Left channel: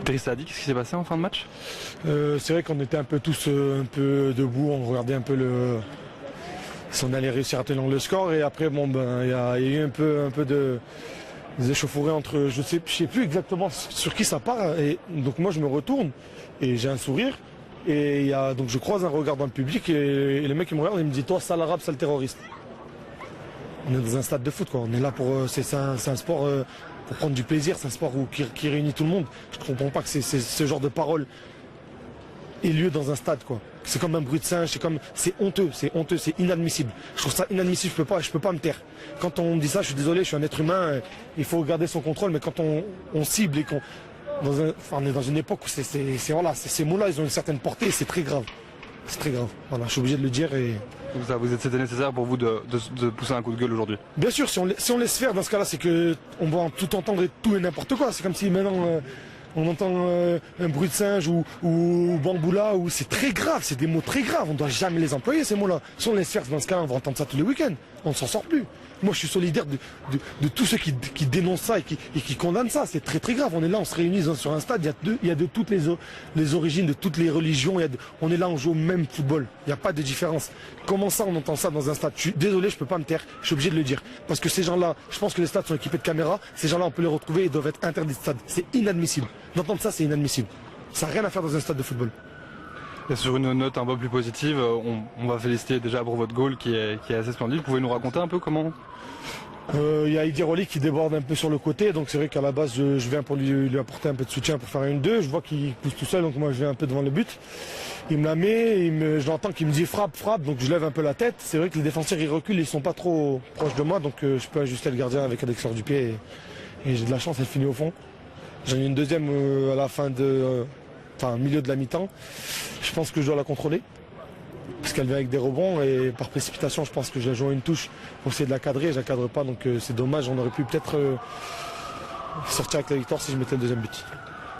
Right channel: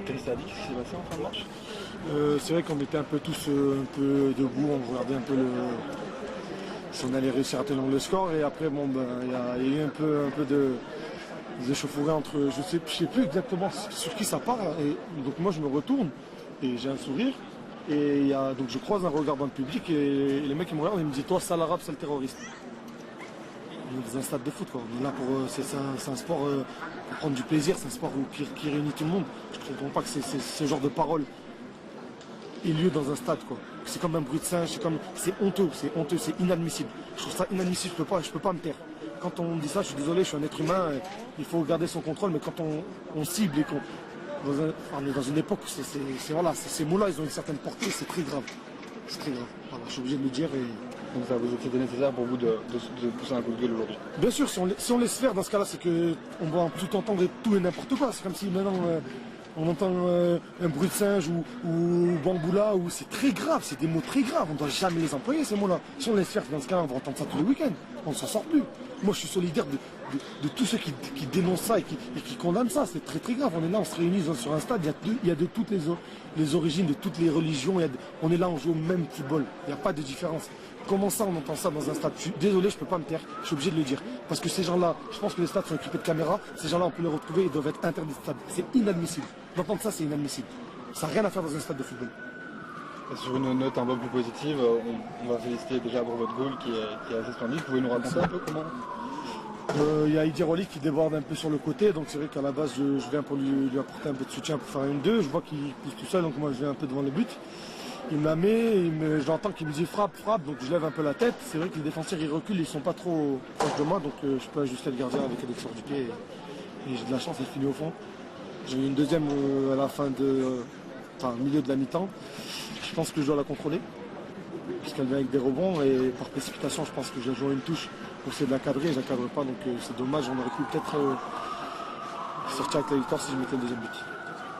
Idrissa a dit, qu'est-ce qui s'est passé en fin de match? C'est vrai qu'on était un peu tous un peu debout, on regardait un peu si on allait réussir à tenir le score. Et après, bon, il y a eu un peu des échauffourées entre, je sais plus exactement sur qui ça part. Et donc moi, je me retourne et j'ai un sourire. Et donc je croise un regard dans le public et le mec il me regarde et il me dit, toi, sale arabe, sale terroriste. On est dans un stade de foot, quoi. On est là pour, c'est un sport pour prendre du plaisir, c'est un sport qui réunit tout le monde. Je ne comprends pas que ce genre de paroles ait lieu dans un stade, quoi. C'est comme un bruit de singe, c'est honteux, c'est inadmissible. Je trouve ça inadmissible, je peux pas me taire. Quand on dit ça, je suis désolé, je suis un être humain, il faut garder son contrôle, mais quand on cible et on est dans une époque où ces mots-là, ils ont une certaine portée et c'est très grave. C'est très grave. Voilà, je suis obligé de le dire et. Donc ça, c'était nécessaire pour vous de pousser un coup de gueule aujourd'hui? Bien sûr, si on laisse faire, dans ce cas-là, c'est qu'on va tout entendre et tout et n'importe quoi. C'est comme si maintenant on entend un bruit de singe ou bamboula, ou c'est très grave, c'est des mots très graves. On ne doit jamais les employer, ces mots-là. Si on laisse faire, dans ce cas-là, on va entendre ça tous les week-ends. On ne s'en sort plus. Moi, je suis solidaire de tous ceux qui dénoncent ça et qui condamnent ça. C'est très très grave. On est là, on se réunit sur un stade. Il y a de toutes les origines, de toutes les religions. On est là, on joue au même football. Il n'y a pas de différence. Comment ça, on entend ça dans un stade? Je suis désolé, je ne peux pas me taire. Je suis obligé de le dire. Parce que ces gens-là, je pense que les stades sont équipés de caméras. Ces gens-là, on peut les retrouver. Ils doivent être interdits de stade. C'est inadmissible. D'entendre ça, c'est inadmissible. Ça n'a rien à faire dans un stade de football. Et sur une note un peu plus positive, on va féliciter déjà pour votre goal qui est assez splendide. Vous pouvez nous raconter un peu comment? Il y a Idir Oli qui déborde un peu sur le côté, donc c'est vrai qu'à la base je viens pour lui apporter un peu de soutien pour faire une 2. Je vois qu'il pousse tout seul, donc moi je viens un peu devant le but. Il me la met, je l'entends qu'il me dit frappe, donc je lève un peu la tête. C'est vrai que les défenseurs ils reculent, ils sont pas trop proches de moi, donc je peux ajuster le gardien avec l'extérieur du pied et j'ai de la chance, elle finit au fond. J'en ai une deuxième à la milieu de la mi-temps. Je pense que je dois la contrôler, parce qu'elle vient avec des rebonds et par précipitation je pense que j'ai joué une touche pour essayer de la cadrer, je la cadre pas, donc c'est dommage, on aurait pu peut-être sortir avec la victoire si je mettais le deuxième but.